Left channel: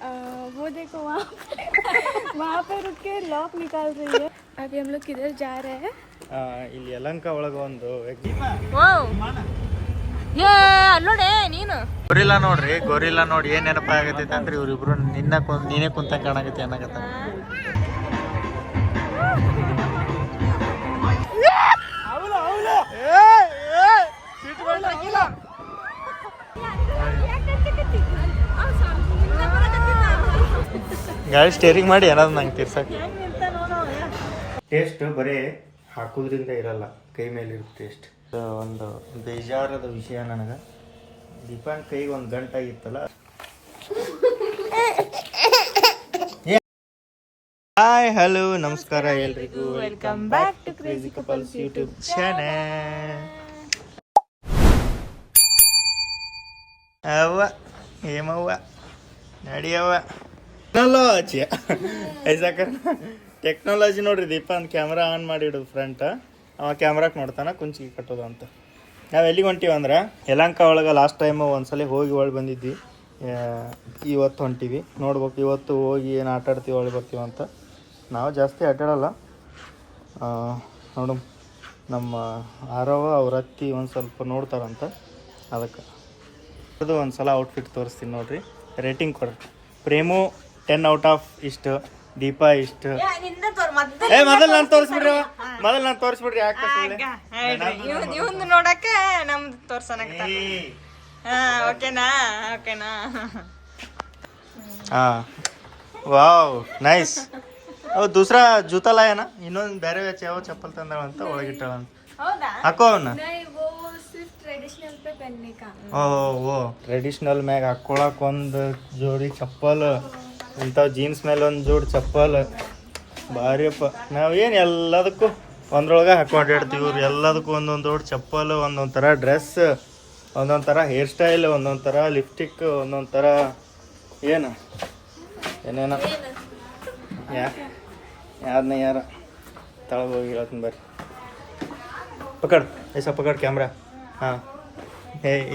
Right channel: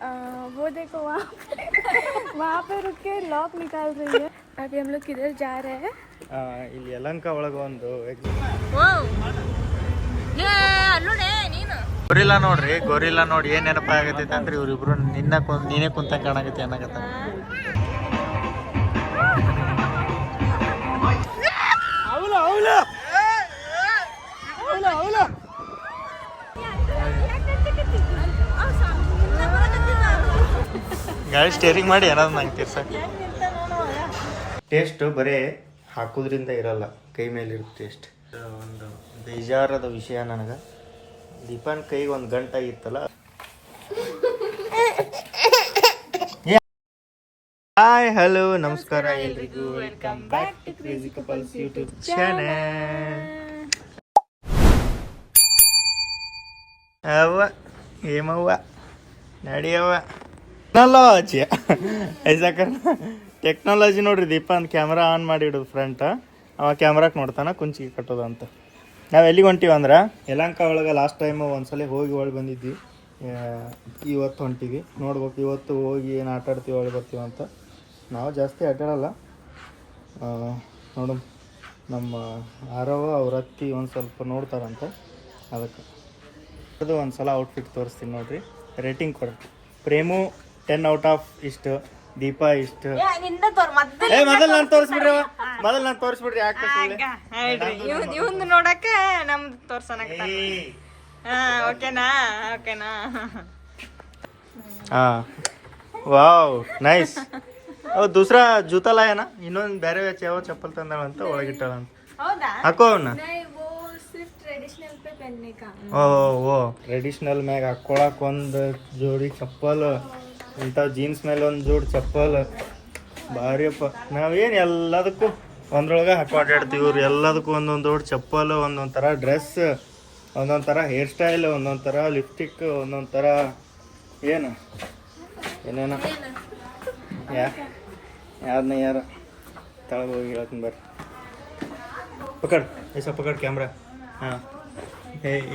वो देखो वहाँ पे रुक के लॉक निकाल रही है। अभी हम लोग किधर जा रहे हैं? ಇಲ್ಲಿ ಯಲಹಂಕ ಒಳಗೆ ಒಂದು ಗೊರಿಲ್ಲಾ ನೋಡ್ರಿ. ಗೊರಿಲ್ಲಾ ನೋಡಿ ಏನ್ ನೆನಪ ಆಗತೈತೆ ಅಂದ್ರೆ ಇವ್ರಿಬ್ರು ನೀನೇ ಕುಂತ ಕಾಣಕತ್ತಿ ಅನ್ನಕತ್ತ. ಗಾಡಿ ಸ್ಟೇರಿಂಗ್ ಮಾಡಿ ಏನಾದ್ರು ನಂಗೆ ತಿರ್ಸಕ್ಕೆ. ಟೇಸ್ಟ್ ಬರೀ ಹಾಕೋದ್ರಿಂದ ಇರಲ್ಲ, ಕೈ ಮೇಲೆ ಇರುತ್ತೆ ಟೇಸ್ಟ್. ಒಂದು ಬೇಜಾರದ ವಿಷಯ ನನಗೆ, ದೀಪಾನ್ ಕೈಗೆ ಒಂದು ಗಂಟಾಗಿತ್ತಲ್ಲ. ಹಾಯ್ ಹಲೋ ನಮಸ್ಕಾರ ಎಲ್ರಿಗೂ, welcome back to crazy couples YouTube channel. ಅವ್ವ ಏಮವ್ವ ನಡಿಯವ್ವ ಟೆಕ್ನಾಲಜಿ ಐಸಾ ಟೆಕ್ನಾಲಜಿ ನೋಡ್ರಿ. ದೀಪಾನ್ ಕ್ಯಾಮ್ರಾ ಆನ್ ಮಾಡಿಡೋದು ಫ್ರಂಟ್, ಅವ ಕ್ಯಾಮ್ರಾಕ್ ನೋಡ್ತಾನ ಕುಂಚಿಗೆ ಕಟ್ಟೋದು ಅಂತ. ನಾವು ಎಲ್ಲಿಗೆ ಹೊಂಟೀವಿ ಅಂದ್ರೆ ಯಲಹಂಕ ಒಳಗೆ ಲಾಸ್ಟ್ ಟೈಮ್ ಒಂದ್ಸಲ ಹೋಗಿ ಒಳಗೆ ಬಂದಿದ್ವಿ. ಇವತ್ತು ಹೊಂಟೀವಿ, ನೋಡ್ಬೇಕು ಇವತ್ತು ಹೋಗಿ ಏನು ಆಟಾಡ್ತೀವಿ ಒಳಗೆ ಬರ್ತೀವಿ ಅಂತ. ನಾವು ಜಾಸ್ತಿ ಆಟಾಡಲ್ಲ, ನೋಡು ನಮ್ಮ ಆರವ ಅವ್ರ ಅತ್ತಿ ಒಂದು ಸ್ವಲ್ಪ ನೋಡ್ತಾರಂತ, ಅದಕ್ಕೆ ಅದು ಒಂದು ಸಲ ಔಟ್ಫಿಟ್ ತೋರಿಸ್ತೀನಿ ನೋಡ್ರಿ. ರೇಟಿಂಗ್ ಕೊಡ್ರಿ. ಪ್ರೇಮು 10 ಔಟ್ ಆಫ್ ಇಷ್ಟು, ದೀಪಾ ಇಷ್ಟು. ಮೊದಲು ನಾನು ತೋರಿಸ್ಬಿಡ್ರಿ, ಯಾಕೆ ನೋಡಕ ನಮ್ದು ತೋರ್ಸನ. ಓಕೆನಾ? हाँ वाव नाइस. वो दूसरा जूता लाया ना, ಇನ್ನೊಂದು ಬೇರೆ ಯಾವ ಚಪ್ಪಲ್ ತಂದಾಳ ಅಂತ ಒಳಗಿಟ್ಟಾಳ ಅಂತ. ಹಾಕೋ ಅವನ್ನ. ಓ ಟ್ರೆಡಿಷನಲ್ ಮ್ಯಾಗ ಹಾಕೊಳಕ್ ಒಂದು ಜೋಡಿ ಚಪ್ಪಲ್, ಇಂಥವು ಜೀನ್ಸ್ ಮೇಲೆ ಒಂದು ಜೋಡಿ ಚಪ್ಪಲ್, ಭಾರಿಯಪ್ಪ. ನಾವೇನು ಎಲ್ಲದಕ್ಕೂ ಒಂದ್ರೊಳಗೆ ಹಾಕೊಂಡು ಇಡ್ತೀವಿ. ಇವ್ರು ಎಲ್ಲದಕ್ಕೂ ಒಂದೊಂದು ಜೋಡಿ ಚಪ್ಪಲ್, ಒಂದೊಂದು ಥರ ಡ್ರೆಸ್, ಒಂದೊಂದು ಥರ ಹೇರ್ ಸ್ಟೈಲ್, ಒಂದೊಂದು ಥರ ಲಿಪ್ಸ್ಟಿಕ್, ಒಂದೊಂದು ಥರ ಏನೇನೋ ಯಾರನ್ನ ಯಾರ ತಳಗೆ ಹೋಗಿ ಹೇಳ್ತೀನಿ ಬರ್ರಿ. ಪಕಡ್ ಪಕಡ್ ಕ್ಯಾಮ್ರಾ. ಹಾಂ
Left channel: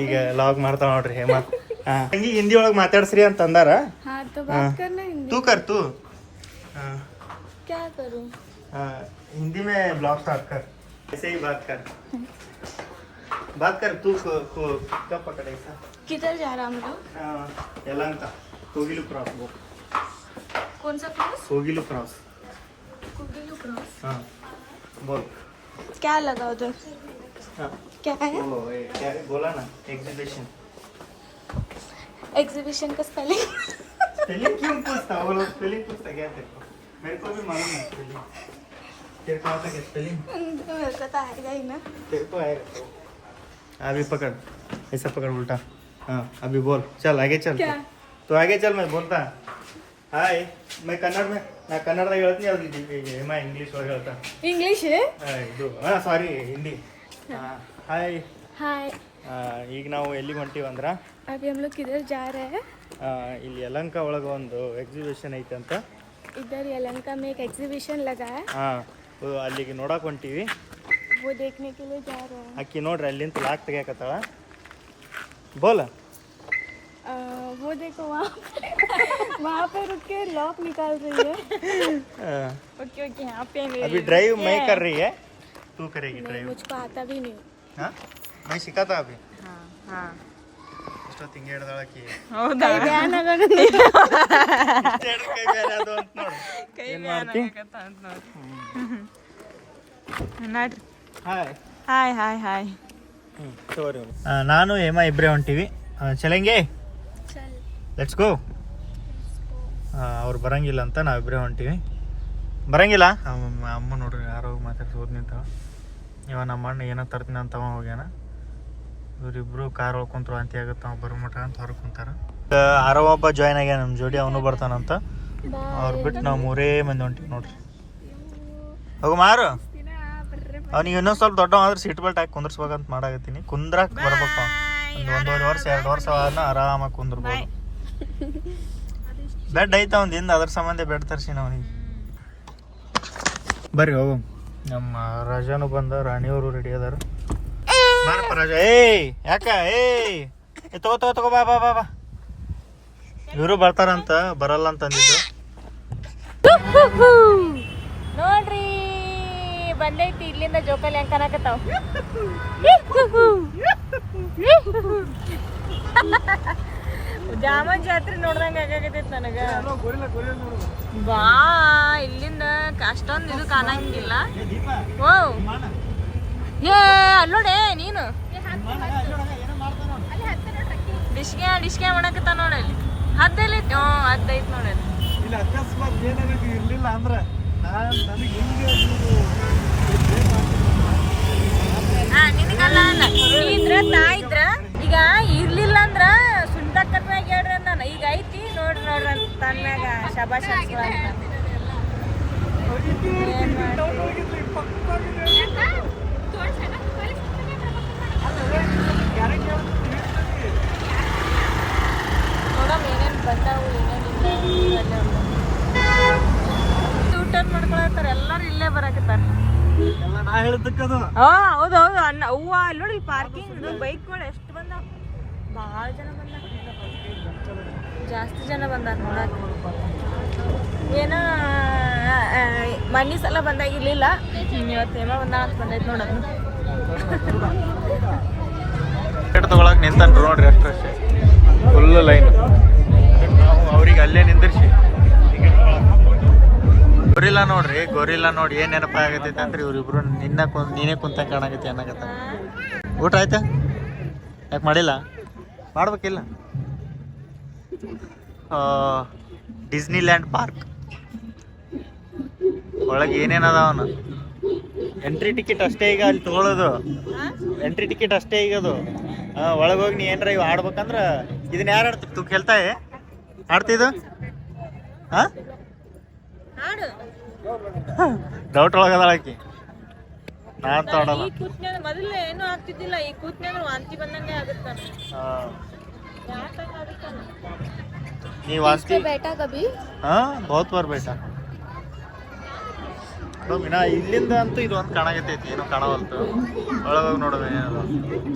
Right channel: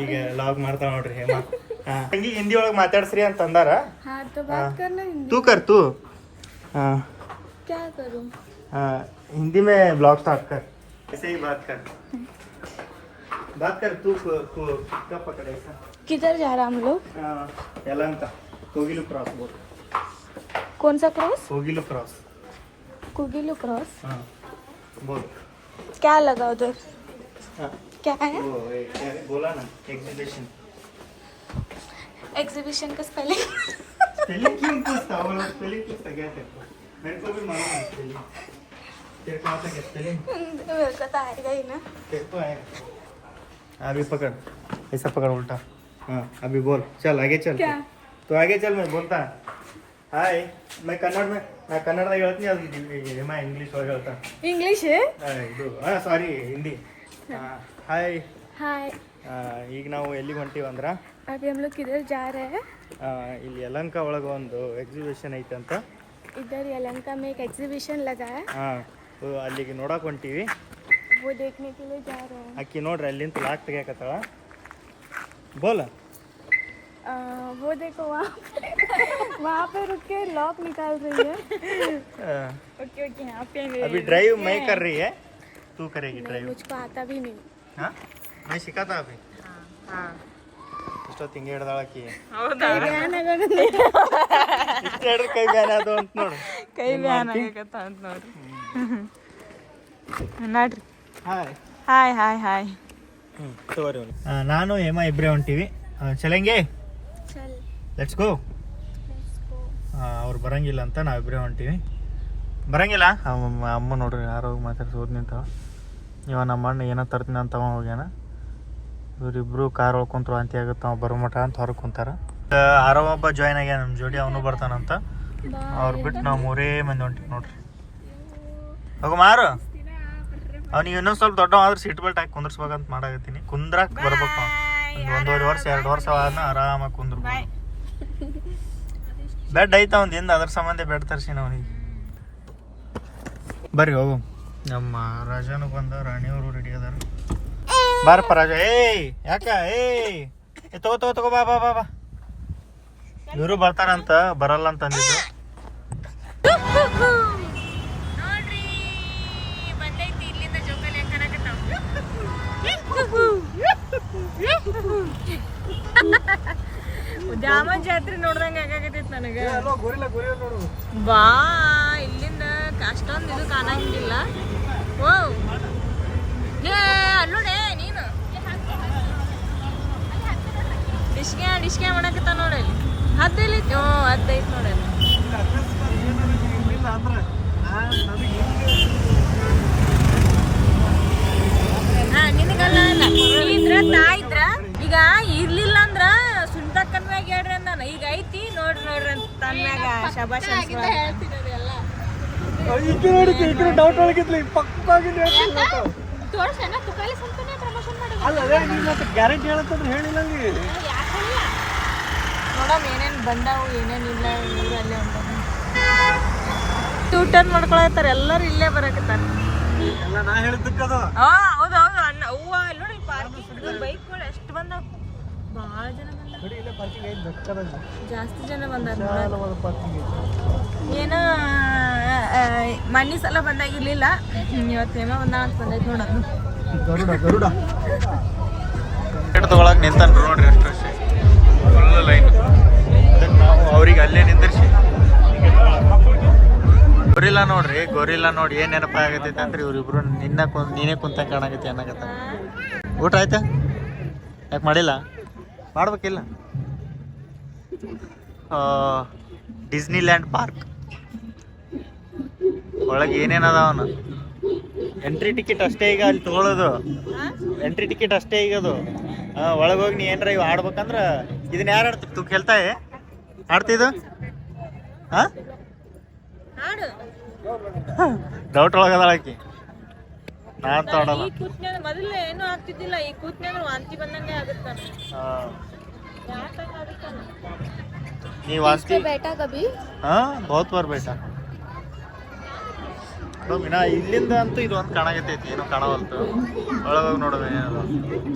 ಈಗ ಲಾಗ್ ಮಾಡ್ತಾವ ನೋಡ್ರಿ ಹೇಮ. ಹಾಂ ಹಂಗೆ ಹಿಂದಿ ಒಳಗೆ ಮಾತಾಡ್ಸ್ರಿ ಅಂತ ಅಂದಾರ. तू कर तू. हाँ क्या करूँ? हिंदी में ब्लॉग स्टार्ट कर, ऐसे ही बात कर तू कब पकड़े? किधर जा रहा हम लोग? यलहंका कोगिलू क्रॉस. बोल कौन सा क्रॉस? कोगिलू क्रॉस. हाँ बोल क्या लगा उधर? क्या है? वो क्या है बोला ना, एग्जीबिशन का स्पेलिंग क्यों पूछता? वो लोग स्पेलिंग पूछता क्या तेरे को? मेरे को भी मालूम है स्पेलिंग. तेरे को आता क्या स्पेलिंग? मेरे को तो आएगा ही ना. तेरे को आएगा. अभी पकड़, ऐसा पकड़ उल्टा. हाँ अभी बोल, चल आगे चल. क्या? तो आगे चल, मैं बोलता हाय. मैं कन्नड़ में ಹೇಳ್ತೀನಿ, ಅದು ಏಮ ಇಂಗ್ಲೀಷ್ ಒಳಗೆ ಹೇಳ್ತಾ. ಇಂಗ್ಲೀಷ್ ಇದು ಸಾರಿ ಹಿಂದಿ. Hi hi. ಈಗ ನಾವು ಎಲ್ಲಿಗೆ ಹೊಂಟೀವಿ ಅಂದ್ರೆ अभी हम लोग किधर जा रहे हैं? ಇಲ್ಲಿ ಯಲಹಂಕ ಒಳಗೆ ಒಂದು ಎಕ್ಸಿಬಿಷನ್ ಐತೆ ಅಂತ. इधर यलहंका में एक एग्जीबिशन लगा है. ಹಾಂ ಅಲ್ಲಿಗೆ ನೋಡಕ್ಕೆ ಹೊಂಟೀವಿ. वो देखने के लिए जा रहे हैं. ಅಕ್ಕಿ ನೋಡ್ರಿ ಅಲ್ಲಿಂದ ಲಾಕ್ ತೆಗಿಯಕತ್ತಾಳ. ಬೋಲ. वो देखो वहाँ पे रुक के लॉक निकाल रही है. ओके यहाँ पे अभी ड्राइव मैं कर रही है, तू करेगी ड्राइव. मुझको आता भी नहीं. हाँ मैं सिखाता अभी. हाँ ಇಷ್ಟೋ ತಿಂಗೆ ಹಿಡ್ದಾಳಕಿ. ಕೈ ಬ್ಯಾನ್ ಆಗೋದು ಕೈ ಬ್ಯಾನ್ ಅದು ಅಂತ ನೋಡಿ. ಕೈ ಬ್ಯಾನ್ ಆಗಕತ್ತ ಅಂತ ನೋಡಿ. ನೋಡ್ರಿ. ಹಾಯ್. ನಾನು ಹೇಮ ಇಬ್ಬರೇ ಹೊಂಟೀವಿ. ಚಲಂಗೆ ಲೆಟ್ಸ್ ಗೋ. ಅವ್ರು ಬರಂಗಿಲ್ಲ ಅಂತ ನಾವಿಬ್ಬರೇ ಹೊಂಟೀವಿ. ಬರಂಗಿಲ್ಲ ಅಮ್ಮ ನೋಡ್ರಿ ಯಾರೋ ಮಾತಾಡ್ಸೋದು ನಿಂತ. ಇವ ನಮ್ಮ ಅಣ್ಣ ಏನೋ ತರ್ತೀನಿ ಅಂತ ಅವ ಹೋಗ್ಯಾನ. ಇವರಿಬ್ರು ಕಾರ್ ಒಳ್ಕೊಂತರು ಅಂತಿ ಆಗುತ್ತೆ, ಅವ ಬರೋ ಮಠ ಅಂತ ಹೊರಗೆ ಕುಂತಾರ. ಆರೋ ಒಬ್ಬ ಜಾಯ್ನ್ ಆಗ್ಯಾನ ನಮ್ಮ ಜೋಡಿ, ಅವನು ಬರ್ತಾನಂತ. ಅವ್ರು ಬಿಟ್ಟು ನಾವು 3 ಮಂದಿ ಹೊಂಟೀವಿ ನೋಡ್ರಿ. ಹೋಗು ಮಾರು. ಅವ್ನಿಗೆ ಇನ್ನೊಂದು ಸ್ವಲ್ಪ ದೊಡ್ಡ ಆದ್ರೆ ಸೀಟ್ ಬೆಲ್ಟ್ ಹಾಕಿ ಕುಂದ್ರಸ್ಬೇಕಂತ ಮಾಡಾಕತ್ತೀನಿ. ಕುಂದ್ರಾಕ್ ಬರ್ಬೇಕು. ಒಂದು 1.5 ವರ್ಷ 2 ವರ್ಷ ಆದ್ನ ಆರಾಮಾಗಿ ಕುಂದ್ರಬೋದು. ಬೆಡ್ ಐತ ಒಂದು ಹಿಂದೆ, ಅದ್ರ ಸಂಬಂಧ ಬೆಡ್ ತರ್ಸಿನ ಅವನಿಗೆ. ಬರ್ರಿ ಹೋಗು. ನಮ್ಮ ರಾಜಾನು ಬಂದ, ರಾಣಿಯವರು ರೆಡಿ ಅದಾರ. ಬಾರಪ್ಪ ರಾಜ. ಯಾಕ ತಗೋ ಬಾ. ಇವರು ಬರ್ತಾರಂತ ಬರಲ್ಲ ಅಂತ ಅಂದಿದ್ದು. ನೋಡ್ರಿ ಬಂದೈತಿ ಇಲ್ಲಿಂದ ಜೋಕಾಲಿ ಹೆಂಗ್ ಕಾಣಕತ್ತಾವ. ಜಾಮನ್ ಜಾತ್ರೆ ನೋಡ್ದಂಗ ಆಗಾಕತೈತಿ ನನಗ. ಬಾ ಇಲ್ಲಿಂದ ಅಷ್ಟೊಂದು ಇದು ಕಾಣಂಗಿಲ್ಲ. ಓ ಏ ಅಲ್ಲೋಡೆ ನೀನು ಡಿಶ್ಗೆ ಮಾಡಕತ್ತ ನೋಡಲ್ಲಿ. ಹದ್ದೈತಿ ಹದ್ದೈತಿ ನೋಡಲ್ಲಿ. ನಿನಗಲ್ಲ ಇದ್ರ ಇದ್ರ ಈಗ ಇರ್ಲಿಲ್ಲ ಅಂದ್ರ ಸುಂಟಕ್ಕನ್ ಮ್ಯಾಗ ಹೇಳ್ರಿ ಅಂದಾನ. ಈಗ ಐತಿ ನೋಡ್ರಿ ನೋಡ್ರಿ ಅಂತ ತನ್ನ ಮ್ಯಾಗ ಶಬಾಷ್ ನೋಡಮ್ ಏನೇನ್ ಬಂದಾವು ಏನೇನಿಲ್ಲ. ಊರಲ್ಲೇ ಟೂಟನ್ ಮಾಡ್ಕೊಳತ್ತಾರ ಎಲ್ಲರೂ ಇಲ್ಲೇ ಬರಾಕತ್ತಾರ. ಹೌದು ಅಲ್ಲ ಅವ್ವ ನೋಡಿ ಪಾರ್ಕಿಂಗ್ ಬೈಕ್ ಮಾಡಿ ಅಷ್ಟು ಬಂದಾವ. ಭಾಳ ಜನ ಬಂದಾರ, ಜಾಸ್ತಿ ಜನ ಬಂದಾರ. ಏನೋ ಮನ್ನಿ ಸಲ ಬಂದಾಗಿರ್ಲಿಲ್ಲ, ಇವತ್ತು ಹೇಮ ಬಂದ ಅಂತ ಬಂದೈತಿ ನೋಡೋದು. ಟಿಕೆಟ್ ತಗೊಳಕ್ ನಿಂತನ್ರು ನೋಡ್ರಿ ಅಷ್ಟೇ, ಫುಲ್ ಲೈನ್. ನಾವು ಅವ್ರಿಗೆ ಅಲ್ಲೇ ನಿಂದಿರ್ಸಿ ಗೊರಿಲ್ಲ ನೋಡ್ರಿ, ಗೊರಿಲ್ಲ ನೋಡಿ ಏನ್ ನೆನಪ ಆಗತೈತೆ ಅಂದ್ರಿ ಇವ್ರಿಬ್ರು ನೀನೇ ಕುಂತ ಕಾಣಕತ್ತಿ ಅನ್ನಕತ್ತ. ಊಟ ಆಯ್ತಾ? ಯಾಕೆ ಮಾಡಿಲ್ಲ? ಮಾಡ್ಬೇಕಿಲ್ಲ. ಡಿಸ್ನಿ ಲ್ಯಾಂಡ್ ಪಾರ್ಕ್ ಒಳಗೆ ಏನೇನು ಅದಾವನ ಎಂಟ್ರಿ ಟಿಕೆಟ್ ಅಷ್ಟೇ ಈಗ ಅಲ್ಲಿ ತಗೊಳ್ಳೋದು. ಎಂಟ್ರಿ ಟಿಕೆಟ್ ಅಷ್ಟೇ ಈಗ ಅದು. ಒಳಗೆ ಹೋಗಿ ನೀ ಏನಾರ ಇವು ಆಡ್ಬೇಕಂದ್ರ ಇದನ್ನ ಯಾರು ಆಡ್ತಿ? ತೂ ಕೇಳ್ತಾಯಿ ಆಡ್ತಿದ್ದು? ಹಾಂ ಡೌಟ್ ಒಳಗದಾಳಕಿ. ನಾನ್ ತಗೊಳಲ್ಲ. ಮೊದಲೇ ಏನೂ ಆಗ್ತಿದ್ದಿಲ್ಲ, ಈ ಕೂತ್ನೆ ವಾಂತಿ ಬಂದಂಗೆ ಆಗುತ್ತ. ನೀ ವಾಂತಿ ಬೇಟಾ ಕಬಿ? ಬಹುತ್ ಬಾರ್ ಬೇಟಾ. ಇಲ್ಲಿಂದ ಅಂತೂ ಇದು ಒಂದು ಕಾಣಾಗತೈತಿ, ಏನೋ ಕಾಣವಲ್ತು. ಒಳಗೋಗಿ ನೋಡೋದು ಏನದು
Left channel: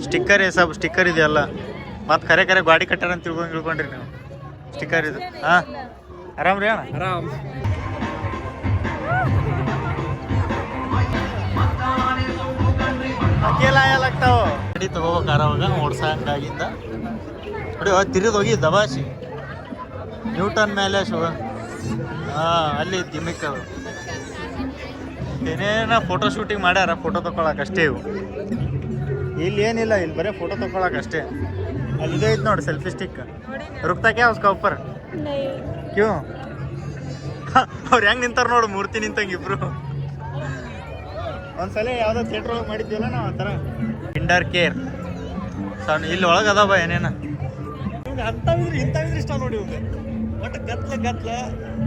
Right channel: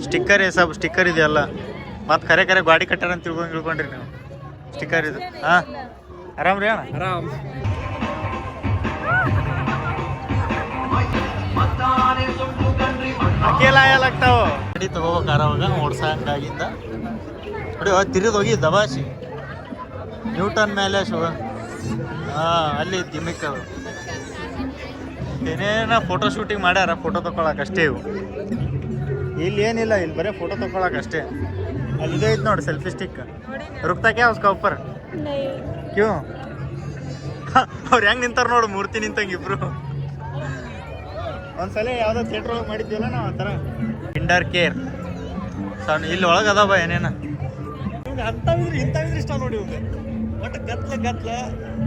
ಸ್ಟಿಕ್ಕರ್ ಸ್ಟಿಕ್ಕರ್ ಇದೆಯಲ್ಲ. ಮತ್ತೆ ಕರೆ ಗಾಡಿ ಕಟ್ಟಾರ ಅಂತ ತಿಳ್ಕೊಂಡ್ರಿ ನೀವು. ಸ್ಟಿಕ್ಕರ್ ಇದು. ಹಾಂ ಆರಾಮ್ ರೀ ಅಣ್ಣ? ಆರಾಮ್. ಅಕೇಲ ಆಗ್ತಾವ ಗಾಡಿ ತಗೋಬೇಕಾರ ಅವಾಗ ಓಡ್ಸಂಗಾಗಿಂದ ನೋಡಿ ತಿರುಗಿ ಹೋಗಿ ದಬಾಸಿ ನ್ಯೂಟನ್ ಮೇಲೆ ಶೋ. ಅಲ್ಲಿ ಗಿಮಿಕ್ ಅದು. ಏನೇನ ಫೋಟೋ ಶೂಟಿಂಗ್ ಮಾಡ್ಯಾರ, ಫೋಟೋ ತಗೊಳಕ್ ಅಷ್ಟೇ ಇವು. ಇಲ್ಲಿ ಏನಿಲ್ಲ, ಇಲ್ಲಿ ಬರೀ ಫೋಟೋ ತಗೊಳಕ್ ಅಷ್ಟೇ. ಅಲ್ಲಿ ಇದೇ ಐತೆ ನೋಡಿ ಸೆಲ್ಫಿ ಸ್ಟಿಕ್. ರುಕ್ತಾ ಕ್ಯಾ ಉಸ್ಕಾ ऊपर ಕ್ಯೂ? ಅವ್ರು ಹೆಂಗ್ ನಿಂತಾರ ನೋಡು, ಮೂರ್ತಿ ನಿಂತಂಗ ಇಬ್ರು. ಒಂದ್ಸಲ ಯಾವ್ದೋ ಥಿಯೇಟರ್ ಒಳಗೆ ಮಾಡಿದ್ವಲ್ಲ ನಾವು ಆ ಥರ. ಇಂಡರ್ ಕೇರ್ ಸಣ್ಣ ಇಲ್ಲಿ ಒಳಗೆ ಅದಾವ ಏನೇನ. ಅಂಥವಿದ್ರೆ ಇಂಥವಿದ್ರೆ ಇಷ್ಟ ನೋಡಿ ಇವಾಗ. ಒಟ್ಟು ಗತ್ಲ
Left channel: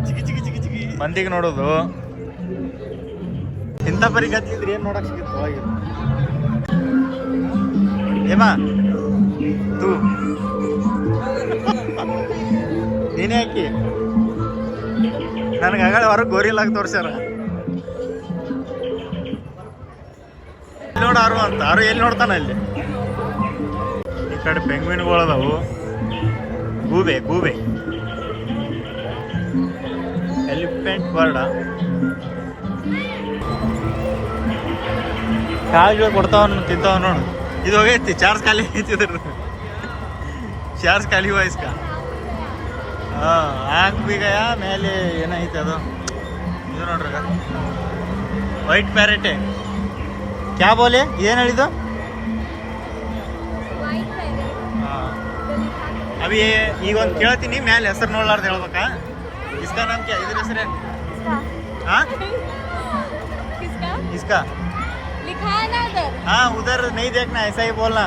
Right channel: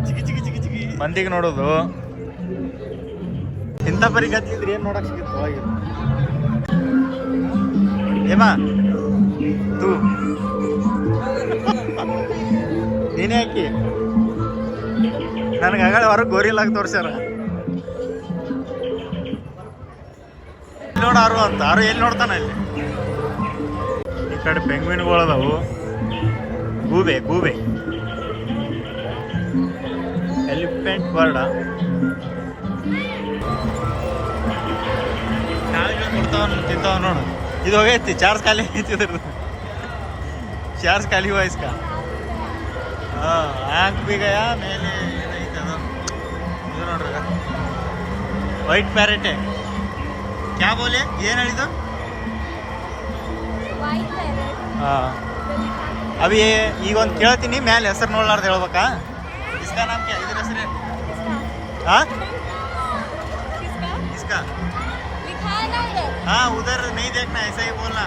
ಚಿಗಿ ಚಿಗಿ ಚಿಗಿ ಚಿಗಿ ಮಂದಿಗೆ ನೋಡೋದು. ಇಂಥ ಪರಿ ಗತ್ಲಿದ್ರೆ ಏನು ನೋಡಕ್ ಸಿಗುತ್ತೆ ಒಳಗೆ? ಏಮಾ ತೂ ನೀನೇ ಹಾಕಿ ನನಗೆ ಆಗ ಹೊರಗೆ ಗೋರಿಲ್ಲಾಗ ತೋರ್ಸ್ಯಾರ. ನೋಡ ಆರು ಅಂತ, ಆರು ಎಲ್ಲಿ ನೋಡ್ತಾನ ಇಲ್ಲಿ. ಈ ಕಡೆ ಪೆಂಗ್ವಿನ್ಗಳದಾವು, ಗೂಬೆ ಎಲಿಫೆಂಟ್ ಬರ್ಡ. ಕಾಯಿಗಳು ಕೊಡ್ತಾವ ತಿಂತಾವ ನೋಡು. ಇದು ಹೋಗೈತಿ, ಚಾರ್ಜ್ ಖಾಲಿ ಐತಿ. ಚಾರ್ಜ್ ಖಾಲಿ हुआ इसका. आँख भी गया ಮೇಲೆ ಏನೈತಿ ಅದು. ಇದು ನೋಡ್ರಿ ವೈಟ್ ಪ್ಯಾರೆಟ್. ಕ್ಯಾ ಬೋಲೆ? ಏನು ಹೇಳಿದ್ದು? ಹಾಂ ಅವಿ ಈಗ ಒಂದು ಕೇಳ್ತೀನಿ, ಮೇಲೆ ಹೆಸರು ನೋಡ್ಲಾರ್ದು ಹೇಳ್ಬೇಕಾ? ಇಸ್ಕಾ ನಾಮ್ ಕ್ಯಾ? ಇದ್ರ ಹೆಸರೇ? ಹಾಂ इसका? हाँ उधर नहीं देखना, ऐसा ही बोलना.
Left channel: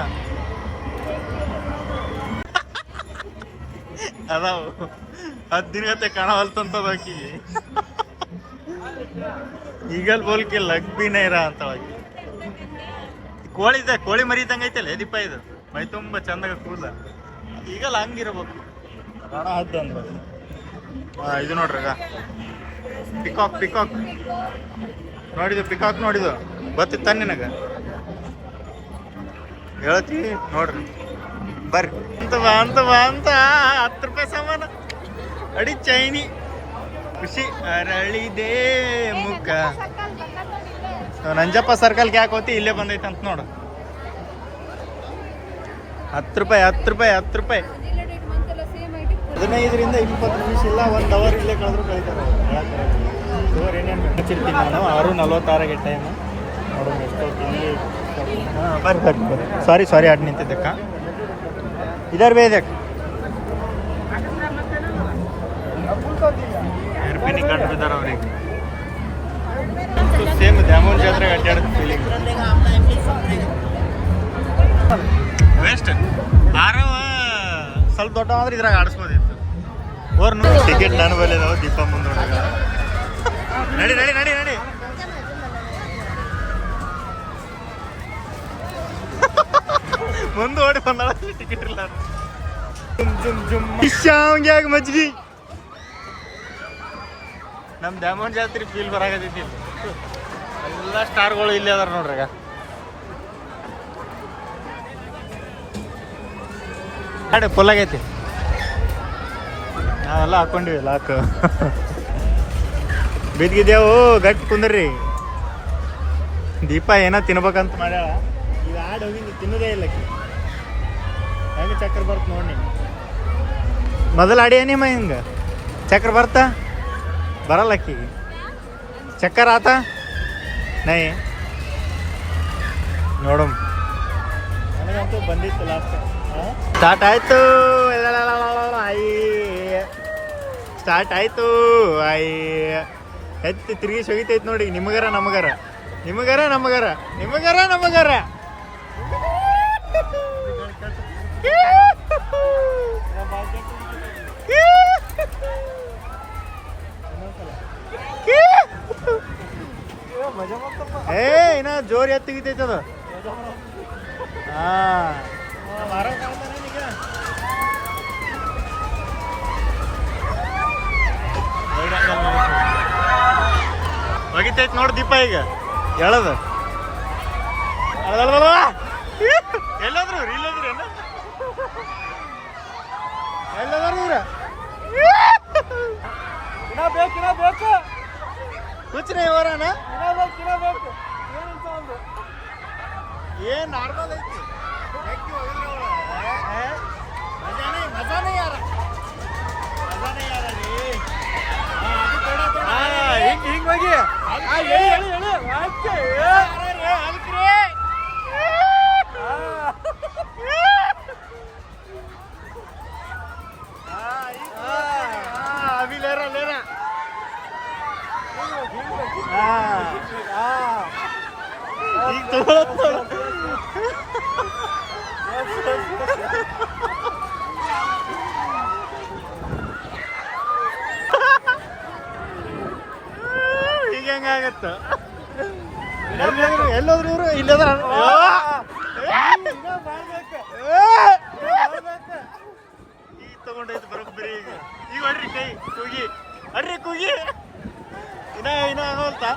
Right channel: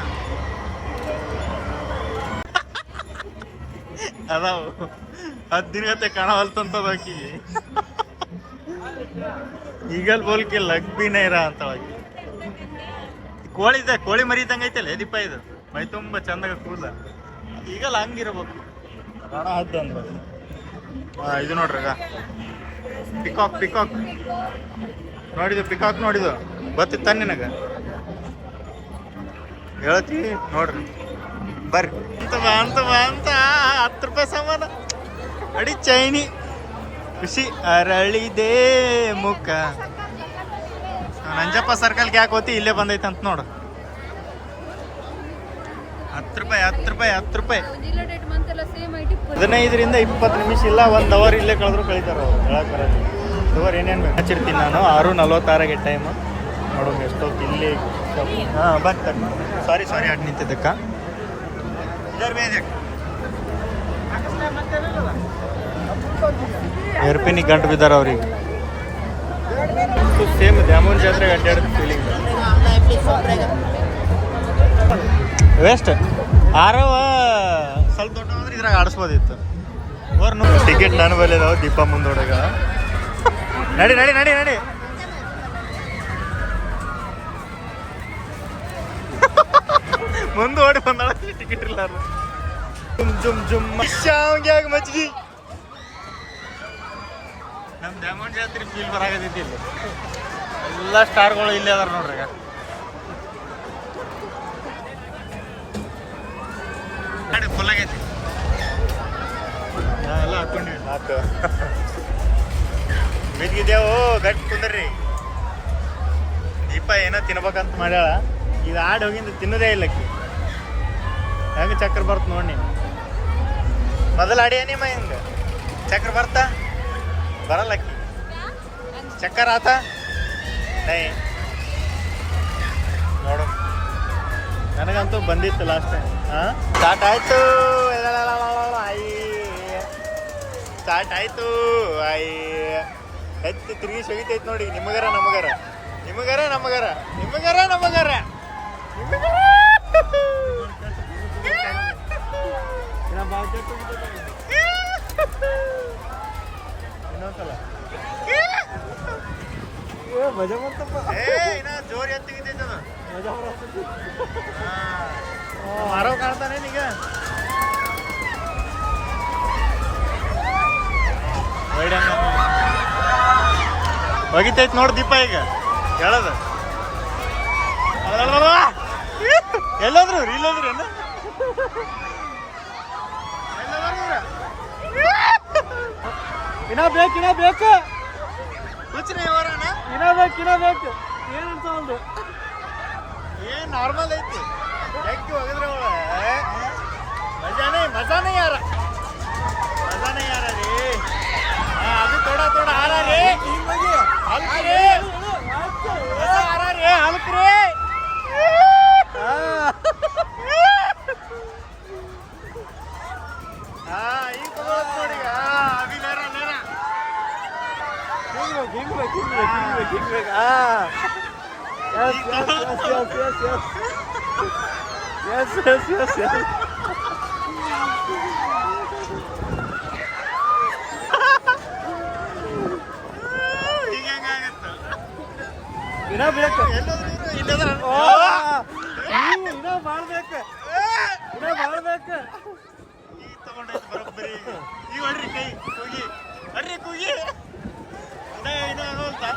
ಅದಾವು 10 ದಿನಗತ್ತೆ ಕಾಣವಲ್ತಂತದ ಆಕಿಗೆ. ಈಗಲ್ ಬೋಲ್ಕೆ ಲಗ್ ಬಿ ನೈರಾ ಅಂತವಾಗಿ. ಕೋಳಿ ಮರಿದಂಗೆ ಐತಲ್ಲ ದೀಪ. ಇದು ಮೈ ತುಂಬ ಚಂದಾಗ ಕೂದಲ. ಈಗಲ್ಲ ಹಂಗಿರ್ಬೇಕು ಕಾಣ ಹದ್ದು ಅಂದ್ರೆ. ಇದು ನೋಡ್ರಾಗ ಪಿಕಾಕ್ ನೋಡಿದ್ದು. ಪಿಕಾಕ್ ನೋಡಿದ್ದು ಗೊತ್ತಿತ್ತ ನಿನಗೆ? ಹೇಳ್ತಿ ನೋಡ್ರಿ ಬರ್ರಿ ಅಂತ 10 ರೂಪಾಯಿ ಸಾಮಾನು ಅಡಿ ಚೈನಿ ಖುಷಿ ಅರಳಿದೆ ಮುಖ. ನಂಜಪ್ಪ ಸರ್ಕಲ್ಗೆ ಯಾಕೆ ಹೋತಿ ಇಲ್ಲೇ ಬಂದೈತೆ ಅಂತ ನೋಡು. 10 ರೂಪಾಯಿ 10 ರೂಪಾಯಿ 10 ರೂಪಾಯಿ. 15ರಿಂದ 20 ನಿಮಿಷ ಇಲ್ಲ 1 ಅವರ್ ಇಲ್ಲೇ ಕಳೆದ್ರು ಕಳೀತಾರೆ ಅವ್ರು. ಹೇಳಕ್ಕಾರೆ ಏನೇನು ಹಚ್ಚಿರ್ತೀನಿ ನಾನು. 6:46ಗೆ ಟೈಮು. ನೋಡೋಣ ಎಷ್ಟೊತ್ತು ಇಲ್ಲಿ. ಹಾಂ ಬರ್ರಿ ಸಾರಿ ಆಡ್ ನಿಂತಿದ್ದಕ್ಕ ಇದರ್ ಬೇಜಕ್ ಏರ್ಪಿನಿಗೆ ಗಂಟು ಬಿದ್ದಾರೆ ಅವ್ರಿಗೆ. ಸೇಮ್ ದ್ಯಾಮೋನ್ ಜಾತ್ರೆಗೆ ಅಡ್ಡಾಡೋದು ಫೀಲಿಂಗ್. ವೇಸ್ಟ್ ಆರವ ಸ್ವಲ್ಪ ದೊಡ್ಡ ಅಂದ್ರೆ ಇದ್ರಾಗ ಆಡಿಸ್ಬೋದಿತ್ತು. ಟಿಕೆಟ್ ನಾನು ಬರಲಿ ನಾವು ದೀಪ ಮುಂದೋಡಗ. ನಡಿ ನಡಿ ನಡಿ ನಡಿ. ಮುಂದೆ ಓಡಿ ಬಂದಾಳ ಟಿಕೆಟ್ ಇಲ್ಲ. ಮಜ್ಗಿ ನಮ್ ದ್ಯಾಮೋನ್ ಜಾತ್ರೆ ಫೀಲ್ ಬರಾಕತೈತಿ. ಇಲ್ಲಿ ಎಲ್ಲ ಸ್ಟಾರ್ಗಳು ಇಲ್ಲಿ ಅದಾರ ನೋಡ್ರಿ. ಗಾಡಿ ಫುಲ್ ಆಗೈತಿ. ನಾವೆಲ್ಲ ಹಾಕೊಂಡಿವಿ ಲಾಕ್. ಬಿದ್ದಿದ್ದೇವು ಗಟ್ಟಿ ಕುಂದ್ರಿ. ದೀಪ ಏನೋ ತಿನ್ಬೇಕಂತ ಮಾಡ್ಯಾಳ. ಇದು ಆಡ್ ಹೋಗಿಂದ ತಿನ್ನೋದೇ ಇಲ್ಲಕ್ಕಿ. ಹೆಂಗೆ ಚಕ್ರ ಬರ್ತ ನೋಡಿ ನೀನು. ಮೊದಲು ಆಡಿ ನಿಮ್ಮ ಹಿಂಗೆ ಚಕ್ರ ಬರ್ತಾ ಬರಲ್ಲ ಅಕ್ಕಿ. ಚಕ್ಕರ್ ಆತ ನೈ ನೋಡಮ್. ನನಗಂತೂ ಬಂದಿತ್ತು ಲಾಸ್ಟ್ ಟೈಮ್. ಸ್ಟಾರ್ಟ್ ಆಯ್ತು ಸ್ಟಾರ್ಟ್ ಆಯ್ತು. ಎತ್ತಿ ತಿರುಗಿ ಸೊಗಿತೈತಿ ನೋಡಿ. ನಿಮಗರ ನಮಗರ ನಿಮಗರ ನಮಗರ ನಿಮಗರ ನಮಗರ. ಇನ್ನೊಂದ್ಸಲ ಇನ್ನ ಜೋರ್ ಎತ್ತಿಗಿತೈತದ. ಮರ ಕಾಣ್ತಾನೆ ಈಗ. ಹೋಗಿತೈತಿ ನೋಡ್ ದೀಪ ಈಗ. ಹೇಳೋದು ಎಲ್ಲೋದ್ರು ಇಲ್ಲೋದ್ರು ಏನ ಎಲ್ಲೋದ್ರ. ಇನ್ನ ಬೇಕು ಹುಚ್ಚರ ಇವರನ. ಇನ್ನ ಬೇಕು ಏನ್ ನಾರ್ಮಲ್ ಐತಿ. ಮಜಾನೇ ಯಾರ ರೀ. ಅದು ಥೋಡಾ ಹಾರ ರೀ. अभी ले रहा ಈಗ ಹೆಂಗಾಗತ್ತ. ಎಲ್ಲೋದ್ರು ಇವರು ಇಲ್ಲದ ಈಗ ತಗೊಂಡೈತೆ ಬರೋಬ್ಬರಿ. ಈಗ ಹೊಡ್ರಿ ಕೈ ಕೂಗಿ ಅಡ್ರಿ ಕೂಗಿ. ಇನ್ನ ಆಗೋಲ್ತಾ.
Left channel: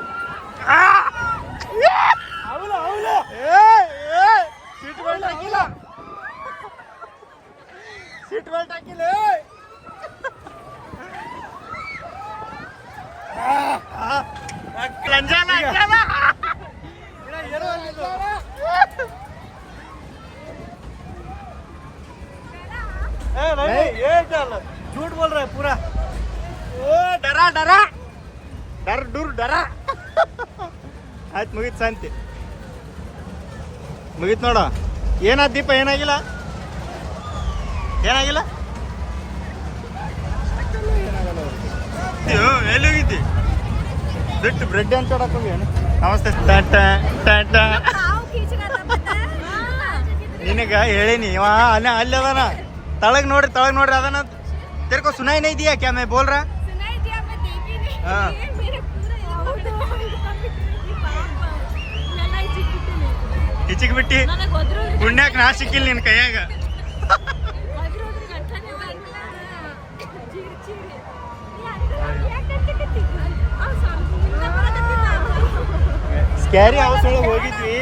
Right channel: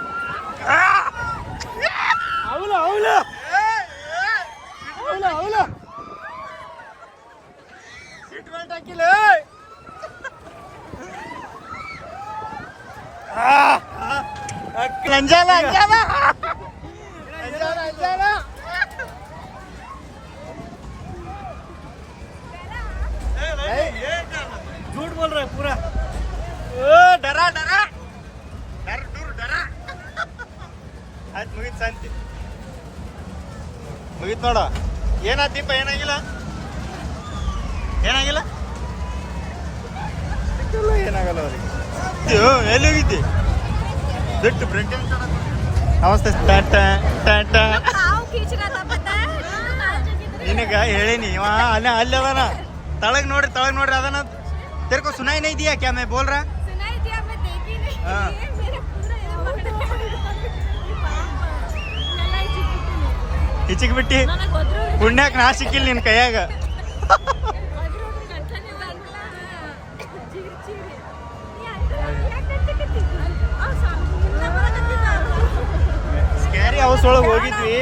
ಸೀಟ್ ಬೆಲ್ಟ್ ಹಾಕಿಲ್ಲ. ಅಂಜಾಲ झूठ बोल रहा है पूरा. डरा डरा डर दूर डरा. ಆಯ್ತು ಮುಗೀತು ಶಾಂತಿ ಮುಗೀತು ನೋಡ. ಏನಾದ ದೀಪ ಏನಾಗಿಲ್ಲ ಏನಾಗಿಲ್ಲ ಏನಾಗಲ್ಲ ಅವ್ರಿಗೆ. ಎಲ್ಲಿ ಹೋಗಿದ್ದಿ ಬ್ರೆಡ್ ಅಂತ ಹೋಗಿ. ನಮಸ್ತೆ ನಿನಗ ಹೇಳಿನಿ ಇವ ಅಲ್ಲಿ ಅದಾನ. ತಳಗ್ ನೋಡ್ರಿ ಅದನ್ನ तेरे को सुनाई नहीं दिया क्या मैं बोल रहा. हाँ ಹಿಚಿಕ್ ಬಿಟ್ಟಿ ಪುಣ್ಯಾಕ ನಾ ಸಿಕ್ಕಿಲ್ಲ ನಿನ್ ಕೈಯಾಗ. ಸ್ಕ್ಯಾರಿ ಹೌಸ್ ಒಳಗೆ ಹೋಗಿದ್ವಿ.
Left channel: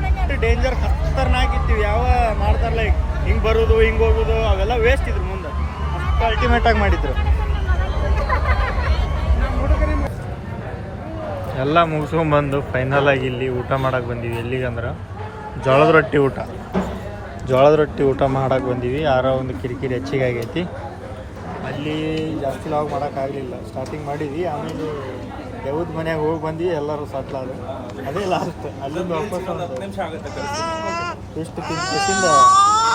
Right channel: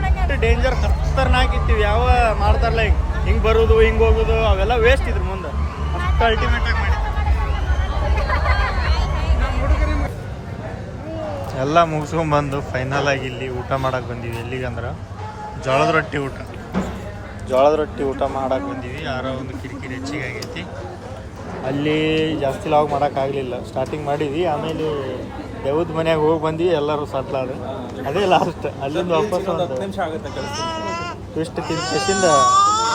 ಎಷ್ಟು ಡೇಂಜರ್ ಖತರ್ನಾಕ್ ಇತ್ತೀವಿ. ಯಾವ ಮಾಡ್ತಾರಲ್ಲ ಹಿಂಗ್ ಬರೋದು ಹಿಂಗ್ ಹೋಗೋದು ಅವೆಲ್ಲ ವೇಸ್ಟ್ ಇದ್ರು ಮುಂದೆ. ಅಷ್ಟು ಅಲ್ಟಿಮೇಟ್ ಆಗಿ ಮಾಡಿದ್ರು. ಎಲ್ಲ ಮುಗಿಸ್ಕೊಂಬಂದು ಫೈನಲ್ ಆಗಿ ಇಲ್ಲಿ ಊಟ ಮಾಡಕ್ಕೆ ಬಂದೀವಿ. ಎಲ್ಲಿಗಂದ್ರೆ ಜೋಳದ ರೊಟ್ಟಿ ಊಟ ಮಾಡಕ್ಕೆ ಬಂದೀವಿ. ಯಾರೋ ಒಂದು ಕಿರಿಕಿರಿ ಹೆಚ್ಚಿಗೆ ಆಗೈತಿ. ಅಲ್ಲಿ ಜಾಸ್ತಿ ಲಾಗ್ ಮಾಡೋಕ್ಕಾಗಲಿಲ್ಲ. ಸ್ಟಾರ್ಟಿಂಗ್ ಮಾಡಿದ್ವಿ, ಆಮೇಲೆ ದೇವದ ಮನೆಯಾಗ ಹೋಗಿ ಬಂದ್ವಿ, ಎಲ್ಲರೂ ಸಟ್ಲಾದ. ಅದೇ ಲಾಸ್ಟ್. ಅಲ್ಲಿಂದ ವಾಪಸ್ ಒಂದು ಎಷ್ಟು ತಿಂದ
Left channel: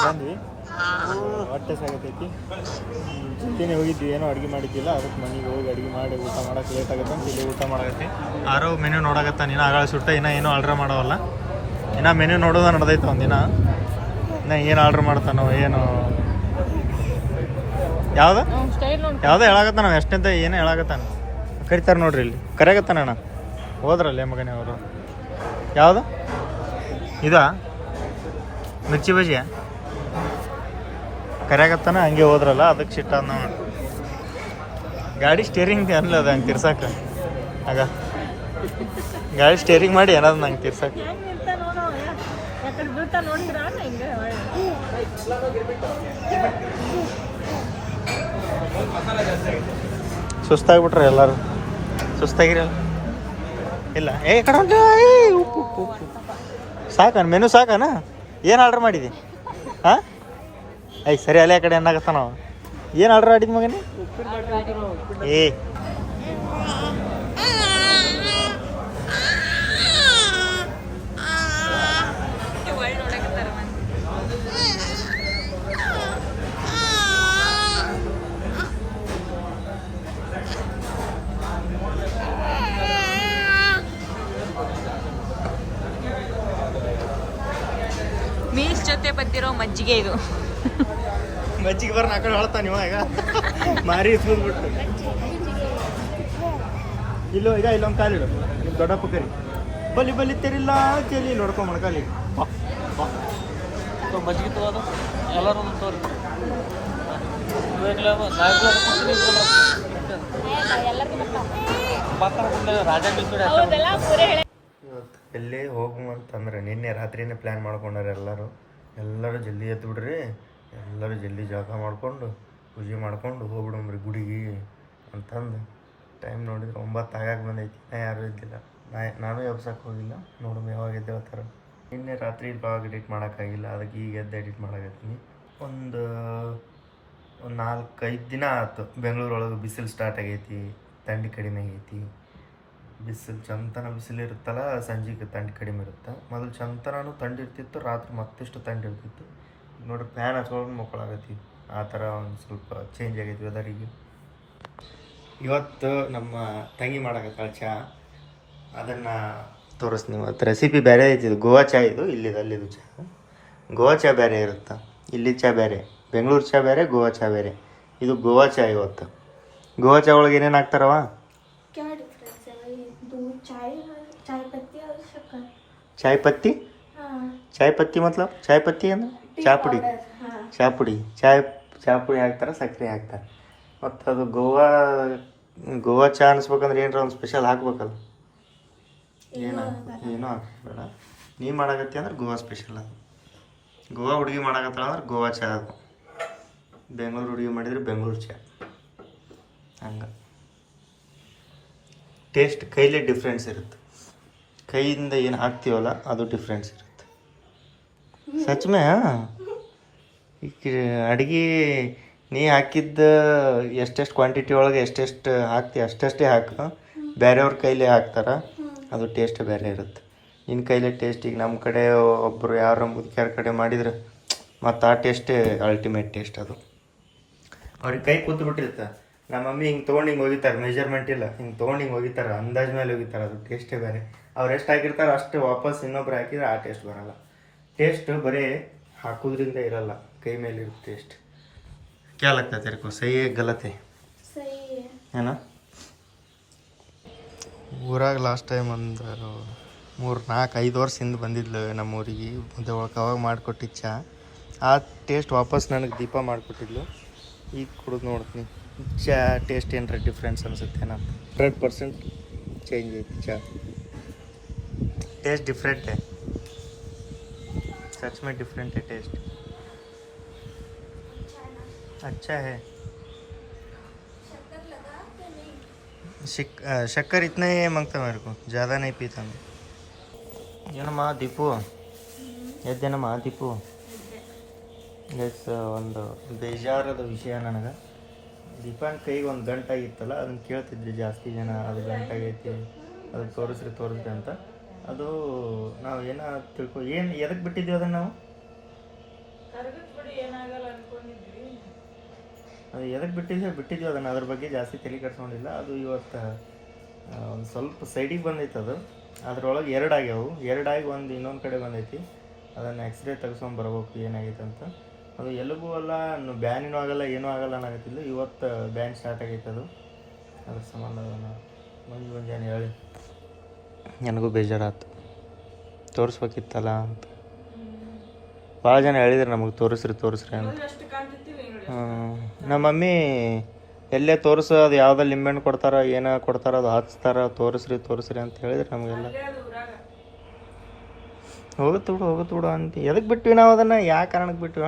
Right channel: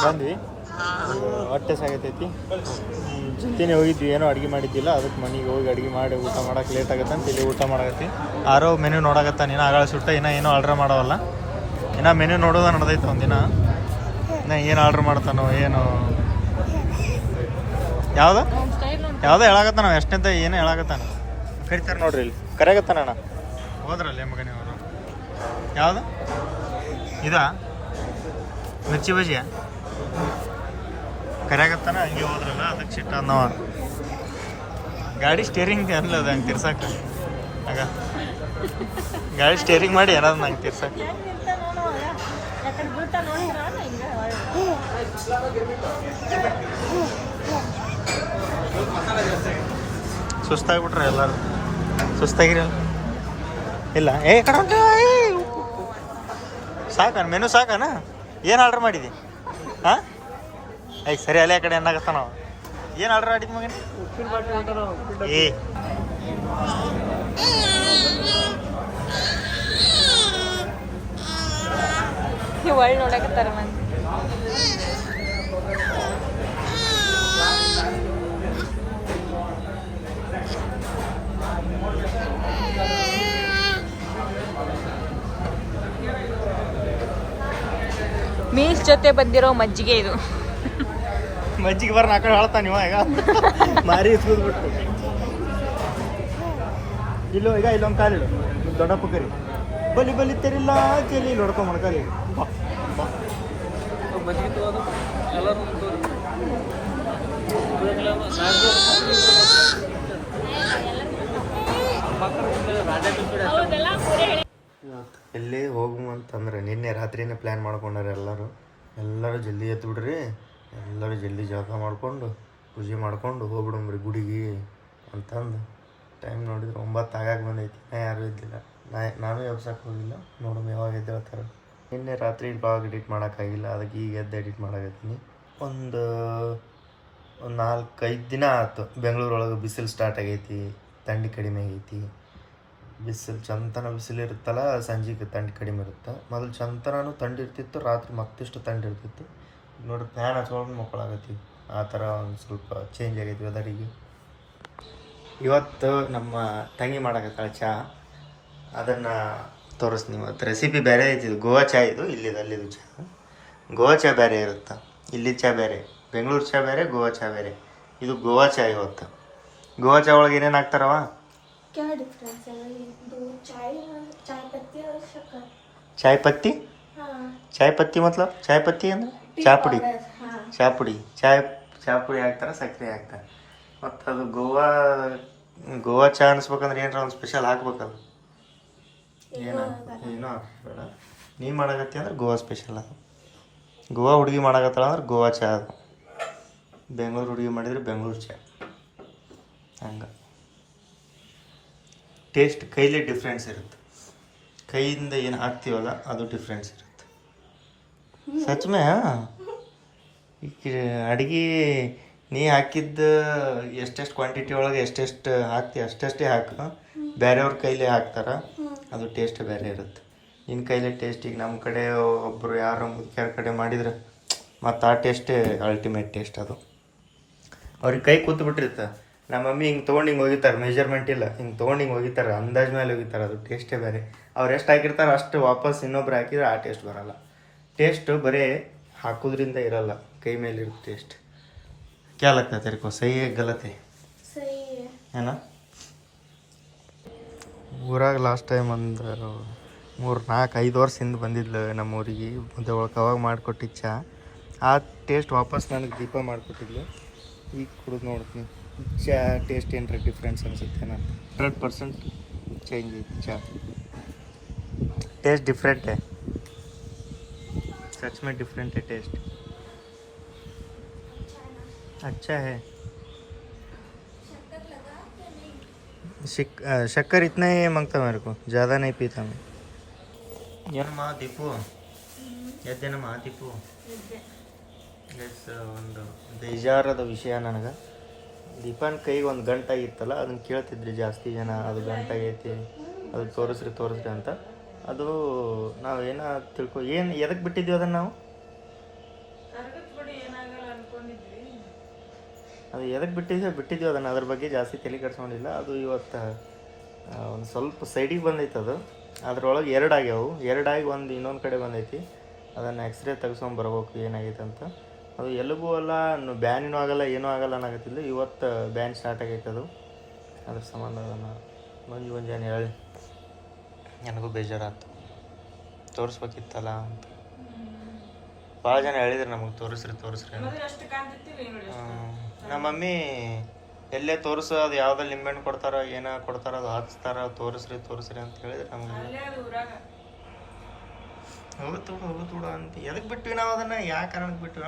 ಬಂದ್ವಿ. ಹೊಟ್ಟೆ ಸಾಗತೈತಿ. ಜೊತೆನೇ ಹೋಗಿದ್ವಿ, ಏನೋ ಅಡುಗೆ ಮಾಡಿದ್ದಿಲ್ಲ. ಅದಕ್ಕೆ ಮನೆಗೆ ಹೋಗಿ ಅಡುಗೆ ಮಾಡಿ ಊಟ ಮಾಡೋಕೆ ಲೇಟ್ ಆಗುತ್ತೆ ಅಂತ ಇಲ್ಲಿ ಊಟ ಮಾಡಕತ್ತಿ. ಆರೋ ಮೆನ್ಯೂ ನೋಡಕತ್ತಾನ. ಇನ್ನೂ ಆಗಳ ಸುಟ್ಟ ಇನ್ನೂ ಆರ್ಡ್ರ್ ಮಾಡೋವಲ್ಲ. ಇನ್ನೂ ಮೆನ್ಯೂ ನೋಡೋದು ನಡೆದೈತೆ ಒಂದಿನ. ಇನ್ನು ಏನು ಆರ್ಡ್ರ್ ಮಾಡ್ತಾನೋ ಏನು ಯಾವುದೋ ಹೇಳಾಕತ್ತಾನ. ನಾವು ಎಷ್ಟಂತ ಏನೋ ಹೇಳಾಕತ್ತಾನ. ಕರಿತಾರೆ ನೋಡ್ರಿ, ಇಲ್ಲಿ ಕರೆಯಕತ್ತಾನ ಅಣ್ಣ. ಹೋದ್ರಲ್ಲೇ ಮಗನೇ ಅವರು. ಯಾವುದು ಇದಾ ಮಿರ್ಚಿ ಬಜ್ಜಿಯ ಕರೆಯಾಗತ್ತಾನ. ಹಂಗೆ ಹೋದ್ರಲ್ಲ, ಅದಕ್ಕೆ ಸಿಟ್ಟ ನಾವು ಗಾಡಿ ಸ್ಟೇರಿಂಗ್ ಅನ್ಲದ ಹಂಗೆ ತಿರ್ಸಾಕ. ಆಗ ಗಾಡಿ ಸ್ಟೇರಿಂಗ್ ಮಾಡಿ ಏನಾದ್ರು ನಂಗೆ ತಿರ್ಸಾಕ. ಸುಸ್ತಾಗ್ಬಿಟ್ರೆ ಎಲ್ಲರೂ. ಸುಸ್ತಾಗಿರಲ್ಲ ಇಲ್ಲ. ಕಡೆ ಉಂಟು. ಉಪ್ಪು ಉಪ್ಪು ಉಪ್ಪು ಸಾಕನ ಮೆನು ಸಾಕನ. ಏನು ಆರ್ಡ್ರ್ ಮಾಡಿದಿ? ಹಾಂ ಸರಿ ಅಲ್ಲೇ ಕಡೆ ಏನಾಗತ್ತ. ನಾವು ಏನು ಆರ್ಡ್ರ್ ಮಾಡಿದ್ ಮಗನೇ? ಮೀಸ್ ಜೊತೆ ಬಂದಿರೋ ಮಜ್ಜಿಗೆ ಇದು. ಮಜ್ಜಿಗೆ ಬರ್ನ ಆ ಕಡೆ ಹೇಳ್ತಾನೆ ಇವಾಗ. ಮಾರಿ ಇಸ್ಬಿಟ್ಟು ಇಲ್ಲೋ ಈಗ ಇಲ್ಲೊಂದು ಕಾಲಿಡು. ನಿಮ್ಮ ದೊಡ್ಡಪ್ಪ ಕರಿ ಬಲಿ ತೆರಿಲ್ಲ ಚೆಲ್ಲಿ ಇಲ್ಲಿ ಹೊಡ್ಕೊಂಬಣ ಕಾಲಿಗೆ. ಬಾ ಬಾ ಮಜ್ಜಿಗೆ ತಗೋದು ಎಲ್ಲರೂ ಇವತ್ತು ಎಲ್ಲಿ ಹೋಗು ಅಂತಂದ್ರೆ ನಿನ್ನೆ ರಾತ್ರಿನೇ ಪ್ಲ್ಯಾನ್ ಮಾಡ್ಕೊಂಡಾರೆ ಎಲ್ಲರೂ ಜಲ್ದಿ ಎದ್ದು ಬಿಡ್ರಿ, ಎಲ್ಲರೂ ಜಲ್ದಿ ಜಳಕ ಮಾಡಿಕೊಂಡು ಪೂಜೆ ಮಾಡ್ಕೊಂಡು ಹೋಗ್ಬಿಡಮ್ರಿ ಗುಡಿಗೆ ಅಂತಂದು. ಟೈಮ್ ನೋಡಿದ್ರೆ 9 ಆಗಾಕ ಬಂದೈತಿ. ಯಾರೂ ಇದ್ದಿಲ್ಲ. ನಾನು ಎಬ್ಸಕ್ಕೆ ಹೋಗಿಲ್ಲ. ನೋಡಮ್ ಯಾವಾಗ ಎದ್ದೇಳ್ತಾರೆ. ನಿನ್ನೆ ರಾತ್ರಿ ಬ್ಲಾಗ್ ಎಡಿಟ್ ಮಾಡೋಕ್ಕಾಗಿಲ್ಲ, ಅದಕ್ಕೆ ಈಗ ಎದ್ದು ಎಡಿಟ್ ಮಾಡಕತ್ತೀನಿ. ಒಂದು 4-5 ದಿನ ಆಯ್ತು. ಬೆಂಗಳೂರೊಳಗೆ ಬಿಸಿಲು ಸ್ಟಾರ್ಟ್ ಆಗೈತಿ, ಥಂಡಿ ಕಡಿಮೆ ಆಗೈತಿ. ಬಿಸಿಲು ಚಂತನ ಬಿಸಿಲು ಇರುತ್ತಲ್ಲ, ಸಂಜೆಗೆ ಥಂಡಿ ಕಡಿಮೆ ಇರುತ್ತೆ. ಮೊದಲು ಚಂತನೂ ಥಂಡಿ ಇರ್ತಿತ್ತು, ರಾತ್ರಿ ಮತ್ತಿಷ್ಟು ಥಂಡಿ ಇರ್ತಿತ್ತು. ನೋಡ್ರಿ ಫ್ಯಾನ್ ಹಚ್ಕೊಂಡು ಮಕ್ಕಳಾಗತ್ತಿ. ಆ ಥರ ಒಂದು ಸ್ವಲ್ಪ ಚೇಂಜ್ ಆಗೈತಿ ವೆದರಿಗೆ. ಇವತ್ತು ನಮ್ಮ ತಂಗಿ ಮಾಡಕತ್ತಾಳೆ ಚಹಾ, ಅದನ್ನು ತೋರಿಸ್ತೀನಿ. ಇವತ್ತು ರೆಸಿಪಿ ಬೇರೆ ಐತಿ. ಗೋವಾ ಚಹಾ ಇದು, ಅಲ್ಲಿದು ಚಹಾ. ಗೋವಾ ಚಹಾ ಬೇರೆ ಇರುತ್ತೆ, ಇಲ್ಲಿ ಚಹಾ ಬೇರೆ. ಬೆಂಗಳೂರು ಚಹಾ ಬೇರೆ, ಗೋವಾ ಚಹಾ ಬೇರೆ. ಇದು ಗೋವಾ ಚಹಾ. ಇವತ್ತು ಗೋವಾ ಚಹಾ ಒಳಗೆ ಏನೇನು ಹಾಕ್ತಾರವ? ಚಾಯ್ ಪತ್ತಿ. ಚಾಯ್ ಪತ್ತಿ ಮತ್ಲಬ್ ಚಾಯ್ ಪತ್ತಿ ಅಂದ್ರೆ ಚಹಾ ಪುಡಿ. ಚಹಾ ಪುಡಿ ಹಾಕ್ತಾರೆ, ಸಕ್ಕರೆ ಹಾಕ್ತಾರೆ. ಮತ್ತು ಅದು ಗೋವಾ ಚಹಾ ಅನಿಸ್ಬೇಕಂದ್ರೆ ಏನಾರ ಒಂದು ಸ್ಪೆಷಲ್ ಹಾಕ್ಬೇಕಲ್ಲ. ಏನೂ ಹಾಕ್ಬೇಡ. ನೀ ಮಾಡಕತ್ತಿ ಅಂದ್ರೆ ಗೋವಾ ಸ್ಪೆಷಲ್. ಅದು ಗೋವಾ ಹುಡುಗಿ ಮಾಡಕತ್ತಾಳ ಅಂದ್ರೆ ಗೋವಾ ಚಹಾ. ಅದು ಬೆಂಗಳೂರು ಹುಡುಗಿ ಮಾಡಿದ್ರೆ ಬೆಂಗಳೂರು ಚಹಾ. ಹಂಗೆ ಟೇಸ್ಟ್ ಕೈಲೇ ಡಿಫ್ರೆನ್ಸ್ ಇರುತ್ತೆ. ಕೈಯಿಂದ ಏನು ಹಾಕ್ತೀವಲ್ಲ ಅದು ಡಿಫ್ರೆನ್ಸ್ ಇರುತ್ತೆ. ಸಚ್ ಮೇ ಈಗ ಅಡುಗೆ ನೀ ಹಾಕಿದ್ದ ಎಷ್ಟೆಷ್ಟು ಕ್ವಾಂಟಿಟಿ ಒಳಗೆ ಎಷ್ಟೆಷ್ಟು ಹಾಕ್ತಿ ಅಷ್ಟೇ ಹಾಕು. ಬೇರೆಯವ್ರ ಕೈಲೇ ಹಾಕ್ತಾರೆ, ಅದು ಟೇಸ್ಟ್ ಬೇರೆ ಇರುತ್ತೆ. ನಿನ್ನ ಕೈಲೇ ಟೇಸ್ಟ್. ಈಗ ನಮ್ಮ ಕಡೆ ಒಬ್ಬರು ಯಾರು ಮುದುಕ್ಯಾರ ಕಡೆ ಮಾಡಿದ್ರೆ ಮತ್ತು ಆ ಟೇಸ್ಟೇ ಅಲ್ಟಿಮೇಟ್ ಟೇಸ್ಟ್. ಅದು ಅವ್ರಿಗೆ ಕೈ ಕೂತ್ಬಿಟ್ಟಿರುತ್ತೆ. ನಮ್ಮ ಮಮ್ಮಿ ಹಿಂಗೆ ತೊಗೊಂಡು ಹಿಂಗೆ ಹೋಗಿತಾರೆ, ಮೆಜರ್ಮೆಂಟ್ ಇಲ್ಲ, ಹಿಂಗೆ ತೊಗೊಂಡು ಹಿಂಗೆ ಹೋಗಿತಾರೆ, ಅಂದಾಜು ಮೇಲೆ ಹೋಗಿತಾರೆ. ಅದು ಟೇಸ್ಟೇ ಬೇರೆ. ಅವ್ರು ಎಷ್ಟು ಹಾಕಿರ್ತಾರೆ ಅಷ್ಟು ವಾಪಸ್ ಇನ್ನೊಬ್ರು ಹಾಕಿದ್ರೆ ಆ ಟೇಸ್ಟ್ ಬರೋಲ್ಲ. ಟೇಸ್ಟು ಬರೀ ಹಾಕೋದ್ರಿಂದ ಇರಲ್ಲ, ಕೈ ಮೇಲೆ ಇರುತ್ತೆ ಟೇಸ್ಟ್. क्या लगता है तेरे को, सही है गलत है? सही है ना? ಊರಾಗ ಲಾಸ್ಟ್ ಟೈಮ್ ಒಂದು 3-4-5 ವರ್ಷ ಹಿಂದೆ ಬಂದಿದ್ಲು ನಮ್ಮ ಊರಿಗೆ. ಮುದ್ದೆ ಒಳಗೆ ಅವಾಗ ಮಾಡಿಕೊಟ್ಟಿದ್ದ ಚಹಾ. ಆ ಟೇಸ್ಟ್ ವಾಪಸ್ ನನಗೆ ದೀಪ ಮಾಡಿಕೊಟ್ಟಿದ್ಲು. ಈಗ ಕುಡಿದು ನೋಡ್ತೀನಿ ಚಹಾ ಟೇಸ್ಟ್ ಏನಾರ ಡಿಫ್ರೆನ್ಸ್ ಅನಿಸುತ್ತೆ. ನಾನು 100% ಚೇಂಜ್ ಐತಿ ಚಹಾ. टेस्ट डिफरेंट है, सच में डिफरेंट है टेस्ट. अच्छा है. शक्कर इतना ही मांगता मेरे को, ज़्यादा नहीं पीता मैं. ಏನಮ್ಮ ದೀಪು ಎದ್ದೇನಮ್ಮ ದೀಪು? ಎಸ್, ಒಂದು ಬೇಜಾರದ ವಿಷಯ ನನಗೆ. ದೀಪನ್ ಕೈಗೆ ಒಂದು ಗಂಟಾಗಿತ್ತಲ್ಲ, ಅದನ್ನು ಕೇಳ್ತಿದ್ರಿ ಜಾಸ್ತಿ ಜನ, ಅದು ಗಂಟಾಗೈತಿ, ಅದು ತೋರಿಸ್ರಿ ಅಂತ. ಅದು ನಾವು ಏನೋ ಏನು ಎದಕ್ಕೆ ಬಿಟ್ಟಿದ್ವಿ ಅದನ್ನು ನಾವು? ಅದು ಎದಕ್ಕೆ ಬಿಟ್ಟಿದ್ವಿ ಅದನ್ನು, ಅದ್ರ ಬಗ್ಗೆ ಜಾಸ್ತಿ ತಲೆ ಕೆಡ್ಸ್ಕೊಂಡಿಲ್ಲ. ಅದು ಇವತ್ತು ಒಂದು ಸ್ವಲ್ಪ ಸೈಡಿಗೆ ಬಂದೈತೆ. ಅದು ಅದ್ರೊಳಗೆ ಎರಡಾಗಿ ಒಂದು ಇನ್ನೊಂದು ಕಡೆ ಬಂದೈತಿ. ಅದನ್ನು ಎಕ್ಸ್ರೇ ತೆಗ್ಸ್ಕೊಂಬರ್ಬೇಕು ಏನಾಗೈತೆ ಅಂತ. ಅದು ಎಲ್ಲಿಗೂ ಅಲ್ಲ, ಬ್ಯಾನಿನೂ ಆಗಲ್ಲ, ಏನೂ ಆಗಲ್ಲ ಅನ್ನಕತ್ತಿಲ್ಲ. ಇವತ್ತು ಬ್ಯಾನ್ ಸ್ಟಾರ್ಟ್ ಆಗೈತೆ. ಅದು ಅದ್ರ ಸಂಬಂಧ ಅದನ್ನು ಮುಂಜಾನೆ ಹೇಳಿ ನನಗೂ ಬೇಜಾರಾಯ್ತು, ತೋರಿಸ್ಬೇಕಿತ್ತಲ್ಲ ಅಂತ. ಭಾಳ ಜನ ಹೇಳಿದ್ರು ನಮಗೆ ತೋರಿಸ್ರಿ ಅಂತ. ನಮ್ಮ ಮಮ್ಮಿ ಎಲ್ಲೇ ತೋರಿಸು, ಅದು ಯಾವುದೋ ಲಿಂಬೆಹಣ್ಣು ಕೊಡ್ತಾರ, ಏನೋ ಕೊಡ್ತಾರ, ಅದು ಹಚ್ತಾರ, ತೋರಿಸ್ರಿ ಅಂತ ಹೇಳಿದ್ರೆ ನಮಗೆಲ್ಲ ಹೋಗುತ್ತು ಬಿಡು ಅಂತ. ಎದಕ್ಕೆ ಬಿಟ್ವಿ ನಾವು ಅದನ್ನು? ಯಾವ ಕಾರಣಕ್ಕೆ ಬಿಟ್ಟಿವ?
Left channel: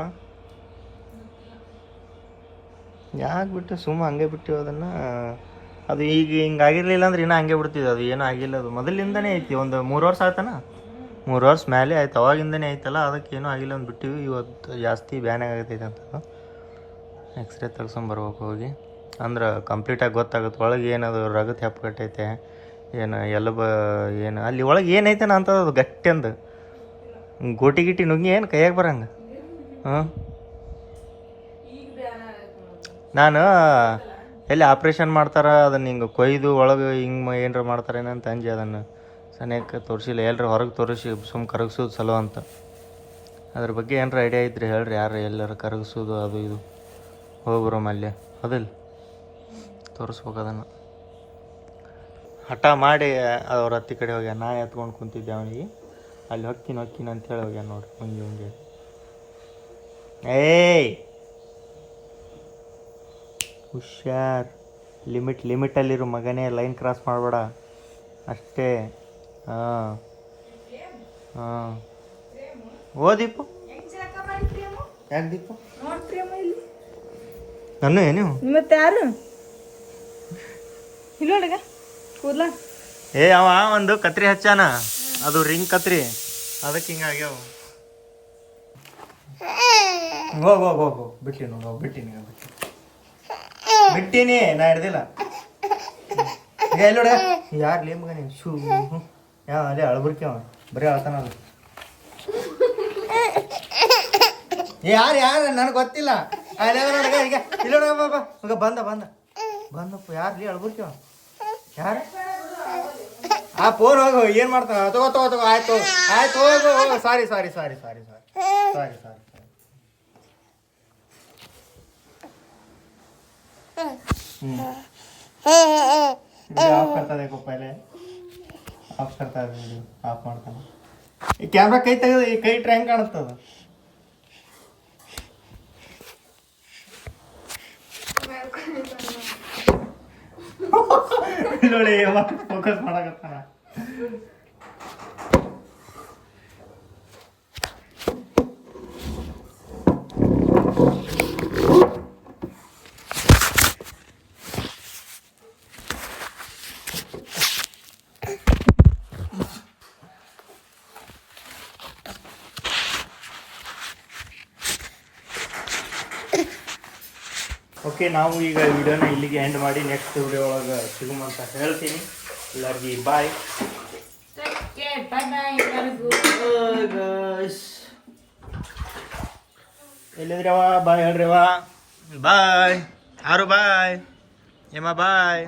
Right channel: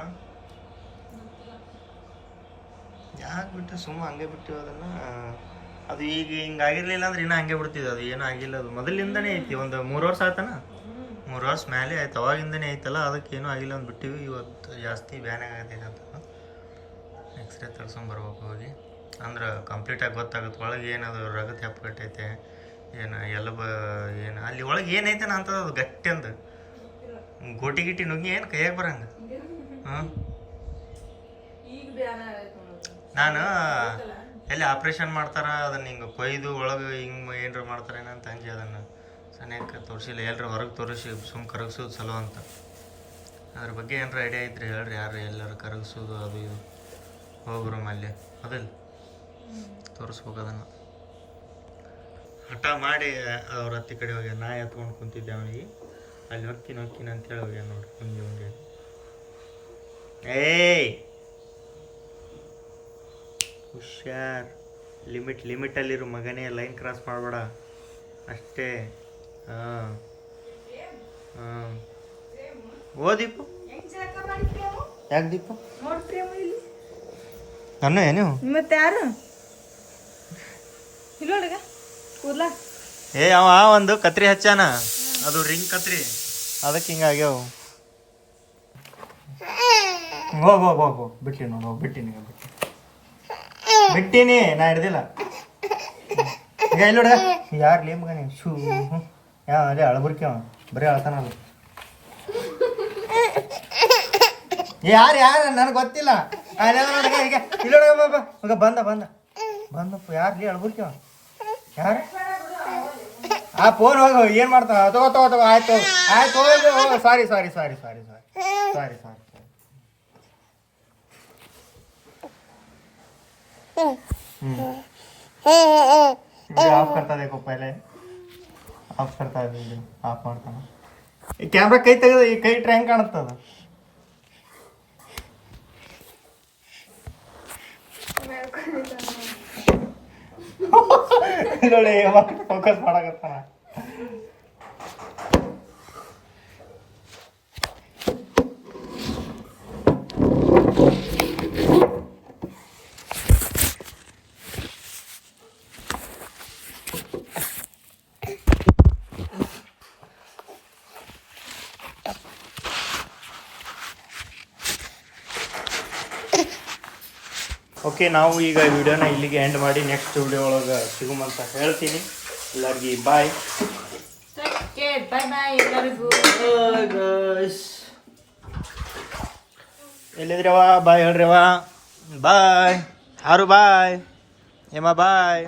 ಯಾಕೆ ಬಿಟ್ಟು ಸುಮ್ಮ ಹಂಗೆ ಬಿಟ್ಟಿವಿ ಅದನ್ನು. ಅದು ಈಗ ಹಿಂಗೆ ಆಗಿರಲಿಲ್ಲ ಅಂದ್ರೆ ಇನ್ನೂ ಹಂಗೆ ಬಿಡ್ತಿದ್ವಿ. ಅದು ಏನೂ ಆಗಿಲ್ಲ. ಅದು ಮೊದಲಿಂದನೇ ಐತಿ, ಒಂದು 3 ವರ್ಷ ಆಯ್ತಾನ, 3 ವರ್ಷ ಮೇಲೆ ಆಯ್ತು. ಅವಾಗಿಂದನೇ ಐತಲ್ಲ, ಅದಕ್ಕೆ ಏನೂ ಆಗಿಲ್ಲ ಅಂತ ಬಿಟ್ಟಿವಿ. ಇವತ್ತು ಜಾಸ್ತಿ ಬ್ಯಾನ್ ಆಗತೈತೆ ಅಂತ ಎಕ್ಸ್ರೇ ತೆಗ್ಸ್ಕೊಂಬರ್ಬೇಕು ಹೋಗಿ. ಅಂದ್ರೆ ಕಂಪ್ಲೀಟಾಗಿ ಗೊತ್ತಾಗುತ್ತೆ ಒಳಗೆ ಏನದು ರಗತ್ ಹೆಪ್ಪಗಟ್ಟೈತೆ, ಏನು ಏನು ಅಲ್ಲಿ ಒಳಗೆ ಏನೈತೆ ಅಂತದ. ಅದು ಗಟ್ಟಿ ಅಂದು ಗೋಟಿ ನುಗ್ಗಿ ಏನು ಕೈಯಾಗ ಬರಂಗ. ನಾನು ಎಲ್ಲಿ ಆಪ್ರೇಷನ್ ಮಾಡ್ತಾರ ಅದನ್ನು ಹಿಂಗೆ ಕೊಯ್ದು ಒಳಗೆ ಹಿಂಗೆ ಏನಾರ ಮಾಡ್ತಾರೇನಂತ ಅಂಜಿ ಅದನ್ನು ಸನಿಯಕ್ಕೆ ತೋರಿಸಿಲ್ಲ. ಎಲ್ಲರೂ ಹೊರಗೆ ತೋರಿಸಿ ಸುಮ್ಮ ಕರಗಿಸೋದು ಸಲೋ ಅಂತ. ಅದ್ರ ಬಗ್ಗೆ ಏನಾರ ಐಡಿಯಾ ಇದ್ರಿ ಹೇಳ್ರಿ, ಯಾರು ಎಲ್ಲರೂ ಕರಗಿಸೋದು ಅದು ಇದು ಹೋಗ್ರು ಮಲ್ಯ ಅದಿಲ್ಲ ತೋರಿಸ್ಬೇಕು. ಅದನ್ನು ಹಠ ಮಾಡಿ ಅವ್ರ ಹತ್ತಿ ಕಡೆ ಹೋಗ್ಯ. ನಾ ಎತ್ಕೊಂಡು ಕುಂತಿದ್ದೆ ಅವನಿಗೆ, ಅಲ್ಲಿ ಹೊಕ್ಕಿನ ಅಂತೇಳಿ ಹೋಗ್ಯ ನೋಡ್ರಿ ಮುಂಜೆ. ಏಯ್ ಹುಷಾರ್, ಲಿಮಿಟಲ್ಲಿರು ಮಗನೇ, ಲೈನ್ ಕ್ರಾಸ್ ಮಾಡಬೇಡ ಅಷ್ಟೇ. ಹಾಂ ಓ ದೀಪು, ಯಾಕೆ ದೀಪು ನಾನು ಏನು ಮತ್ತೆ ಯಾರು ಅವ ಒಂದು ಕತ್ರಿ ಹಚ್ಚಾನ, ಅದು ರಿಂಗ್ ಕತ್ರಿ, ಅದಕ್ಕೆ ಹಿಂಗಾಗ್ಯಾವ. ಹೋಗು ಬಿಟ್ಟಿ ನೋಡು, ಬಿಟ್ಟಿನಿ ನಾ ಹಿಡ್ದಿಲ್ಲ. ಎಲ್ಲೋಡ ಯಾರು ಲೇ ಮಗ ನೀವು? ಶೂ ಅದೇ ಅಳಬುರ್ಕಿ ಅವ ಬರೀ ಅಳ್ತಾನ. ಅದು ಯಾರು ನನಗೆ ಗೊತ್ತಿಲ್ಲ. ಈಗ ಇಲ್ಲೋಡ ಮಗ ಬಂದಪ್ಪ. ಯಾರು ಲೇ ಅಳಬುರ್ಕಿ ಅವ? ಯಾರು ಆ ಫೋನ್ ಹೋಗು, ಏನು ಮಾಡ್ತಾನ? ತಗೋ ಆಯ್ತು ಹೋಗು. ಸಾರಿ ऑफ करता देखो, पहले ऑफ करता है, ऑफ ಮಾಡ್ತಾನೆ. ಈ ಕ್ಯಾಮ್ರಾ ಕೈ ತೆಗೆದು ಈ ಕೈ ಟ್ರ್ಯಾಂಕ್ ಕಾಣುತ್ತದ. ನೋಡಿ ಫೋಕಸ್ ಮಾಡಕತ್ತಾನ. ಓಕೆ, ನಾವು ಈಗ ವಿಡಿಯೋನ ಇಲ್ಲಿಗೆ ಎಂಡ್ ಮಾಡಿ ನೆಕ್ಸ್ಟ್ ವಿಡಿಯೋ ಒಳಗೆ ಸಿಗುಮಂತ ಹೇಳ್ತೀನಿ. ಎಲ್ಲರಿಗೂ ಬಾಯ್. ಎಲ್ಲಿದ್ರವ? ಬಾಯ್ ಹೇಳ್ರವ. ಬಾಯ್ ಆರು, ಬಾಯ್ ಏಮ, ಬಾಯ್.